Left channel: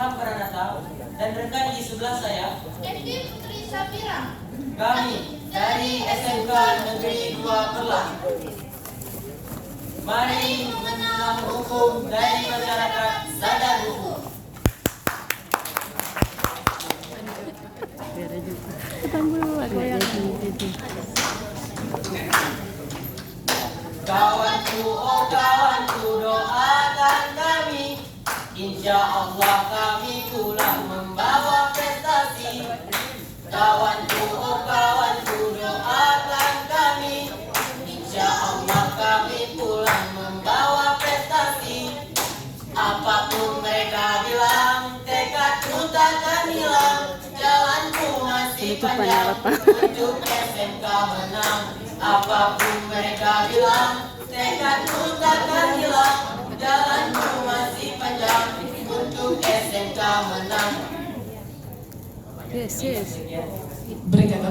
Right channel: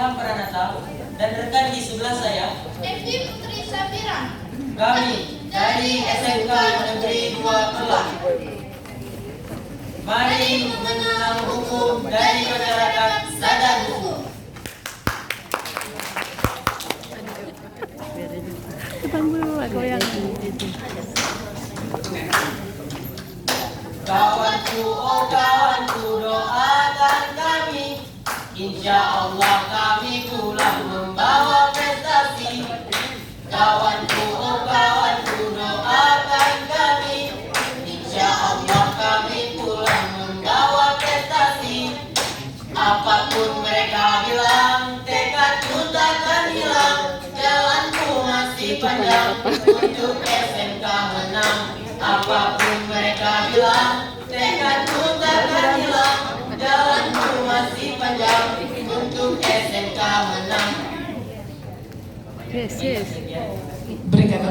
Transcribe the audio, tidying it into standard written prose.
Ilham Pranata dan rekan di sebelah saya Evi Putri Safira. kami dari SMK Negeri 2 Perlah. Mari mengenal hukum dari masyarakat sadar hukum. Aku yang Kawanku, oh kawanku, doakan kami, insya Allah kami pulang membawa prestasi. Kawanku, oh kawanku, doakan kami, insya Allah kami pulang membawa prestasi. Apapun mereka bilang, tekadku takkan hilang, jalanku masih panjang untuk SMK menang. Apapun mereka bilang, tekadku takkan hilang, jalanku masih panjang untuk SMK menang. yes. Berikan